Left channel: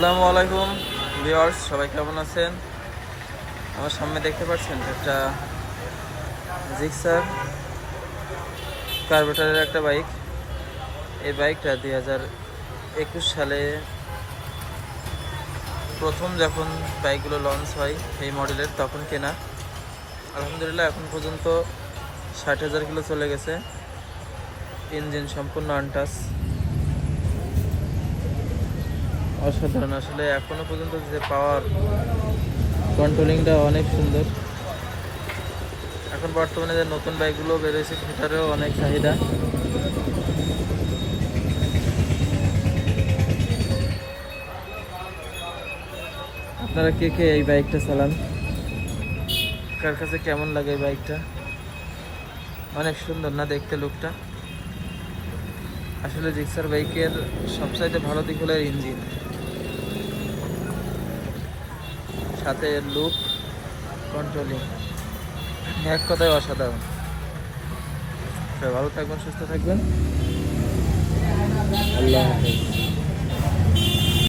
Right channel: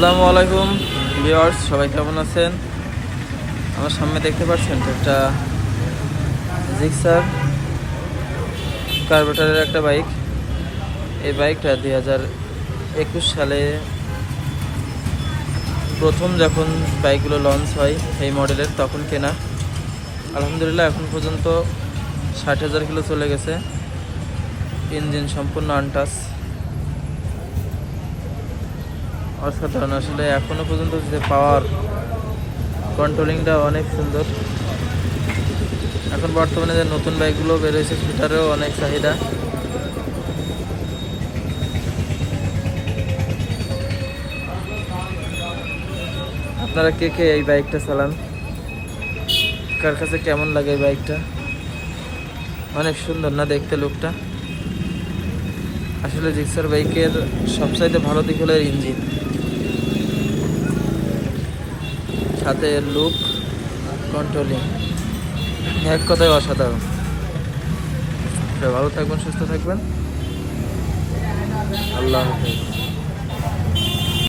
আসসালামু আলাইকুম ভিউয়ার্স, সবাই কেমন আছেন? আমার সামনে দেখতে পাচ্ছেন একটা জিক্সার কার্বোরেটরের একটা বাইক। এই বাইকটা 2021 সালে প্রথম যখন বাইকগুলো লঞ্চ হয় এই মডেলের তখন কেনা। আলহামদুলিল্লাহ এখন পর্যন্ত 60,000 কিলো চলে গেছে। ইঞ্জিন সম্পূর্ণ আনটাচ, অসাধারণ। আসলে এখনো পর্যন্ত যে পাওয়ার কন্ট্রোলিংটা অনেক সুন্দর। এখন বর্তমানে যে নতুন বাইকগুলো বেরোয়েছে সেটারও অনেক চাহিদা। আপনারা কে কে এই বাইকটা চালান? কার কাছে কেমন লাগে এই বাইকটা? অনেক সুন্দর না দেখতে লুকটা? আসলে জিক্সার বাইকের সবচাইতে ভালো দিক হলো ইঞ্জিন, সাথে লুক, কন্ট্রোলিং, এক কথায় অসাধারণ। ভালো থাকবেন, সুস্থ থাকবেন, আল্লাহ হাফেজ।